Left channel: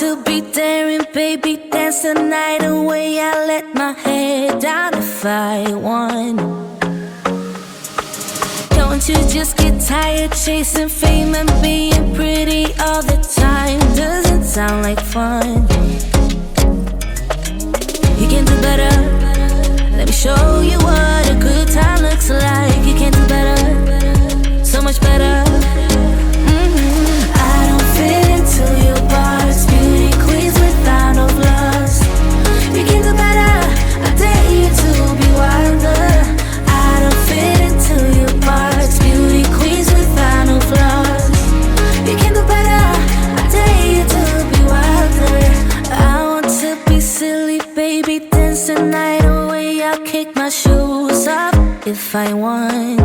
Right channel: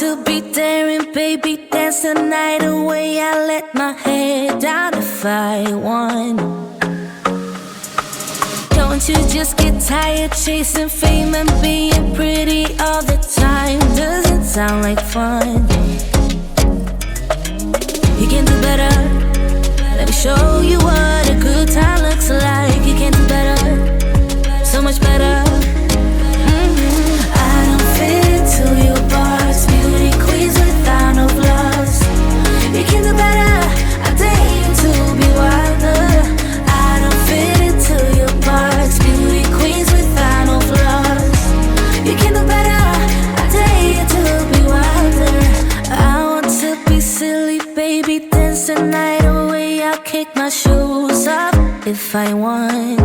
to be daring, baby, dance the night away. I let my hair down if I want. Don't you just get tired chasing fame and being pretty all the time? Doesn't sound like fun. You can do better. Let me show you what a good time looks like. You can do better, so much better. I don't fit into your box, beauty queens without no flaws. You can do better, I dare you to be wilder. I don't fit into your box, beauty queens without no flaws. You can do better, I dare you to be wilder. I want to be silly, baby, dance the night away. I'll kick my shoes off if I want.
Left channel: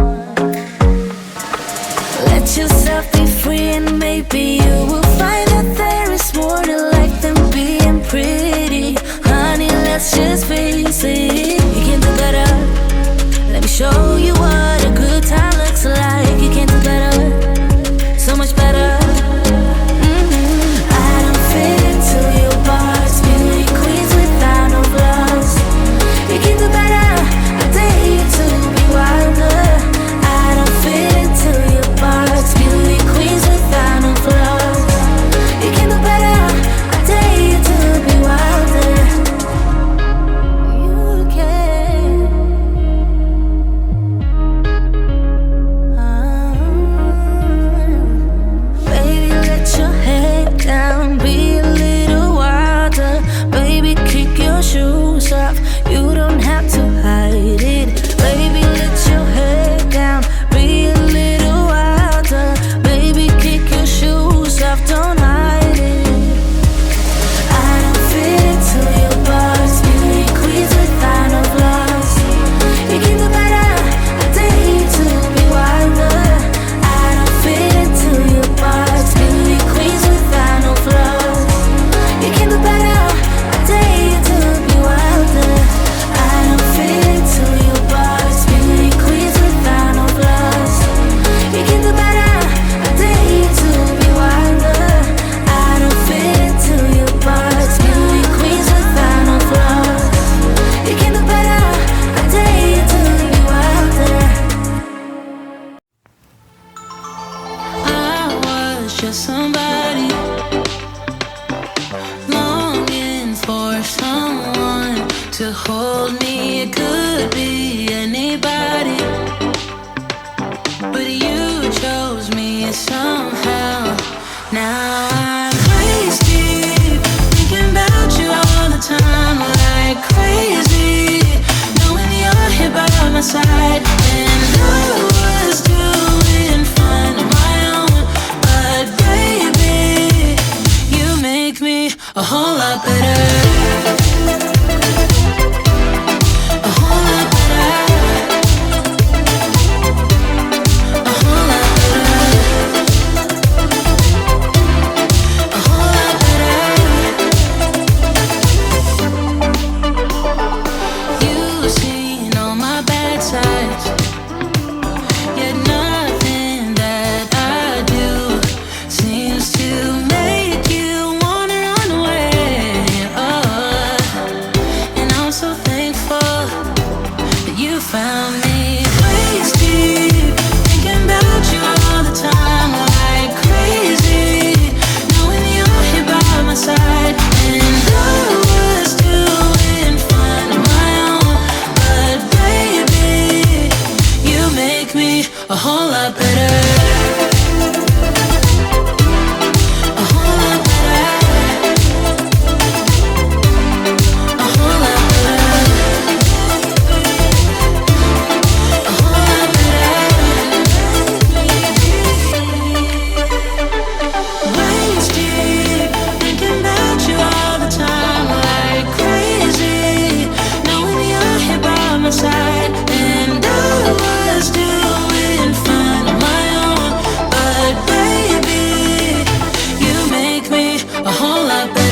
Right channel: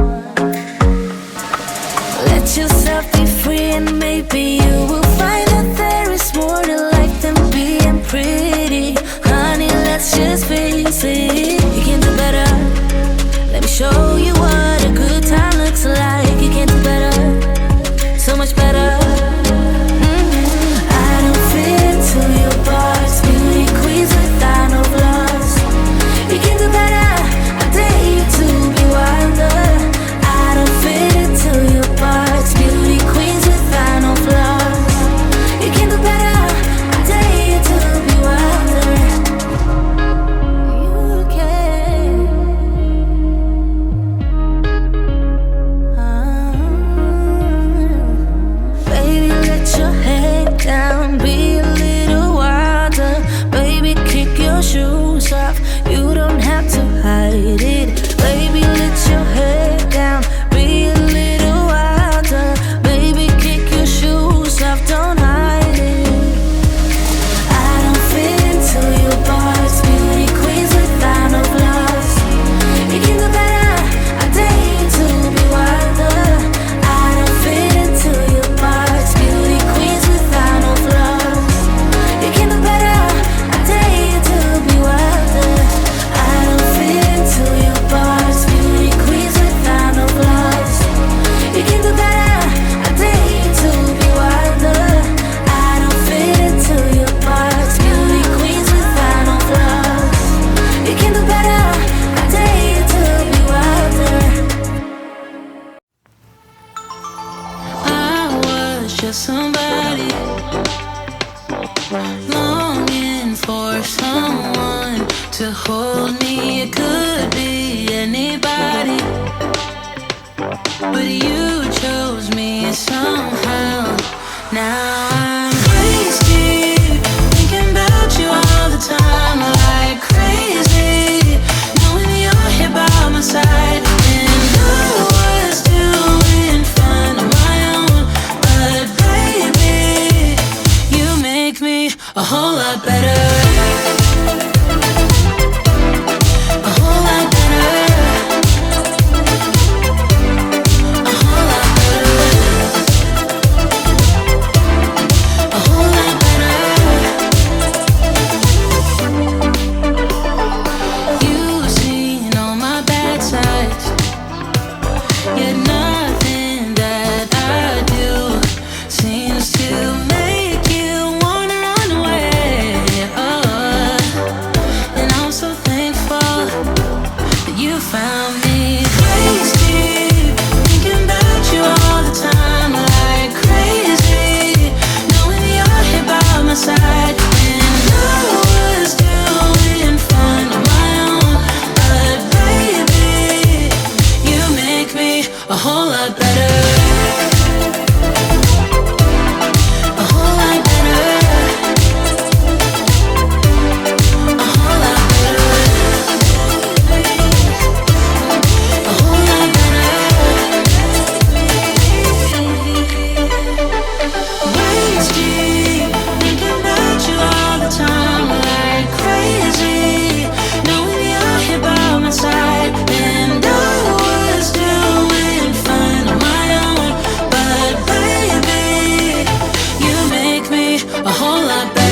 Let yourself be free and maybe you will find that there is more to life than being pretty. Honey, let's just face it. You can do better. Let me show you what a good time looks like. You can do better, so much better. I don't fit into your box, beauty queens without no flaws. You can do better, I dare you to be wilder. I don't fit into your box, beauty queens without no flaws. You can do better, I dare you to be wilder. You can. Baby, let your head down, be a little wilder. Baby, kick your shoes off, you don't have to hide it. Baby, let your head down, be a little wilder. Baby, kick your shoes off, don't hide it. I don't fit into your box, beauty queens without no flaws. You can do better, I dare you to be wilder. I don't fit into your box, beauty queens without no flaws. You can do better, I dare you to be wilder. I don't fit into your box, beauty queens without no flaws. You can do better, I dare you to be wilder. I don't fit into your box, beauty queens without no flaws. You can do better, I dare you to be wilder. I was just somebody longing for someone to hold me. It could be anybody, but you chose me somehow. Now I'm waist deep, thinking about you all the time, like crazy, knowing you're here by my side. And I was doing fine on my own, but baby, you make me a whole lot better. A whole lot better. A whole lot better. A whole lot better. You've seen all my bad sides, yet nothing that I do seems to make you wanna run away. Oh, and I'm so thankful that you found me. Waist deep, thinking about you all the time, like crazy, knowing you're here by my side. And I was doing fine on my own, but baby, you make me a whole lot better. A whole lot better. A whole lot better. A whole lot better. Waist deep, thinking about you all the time, like crazy, knowing you're here by my side. And I was doing fine on my own, but baby, you make me a whole lot better.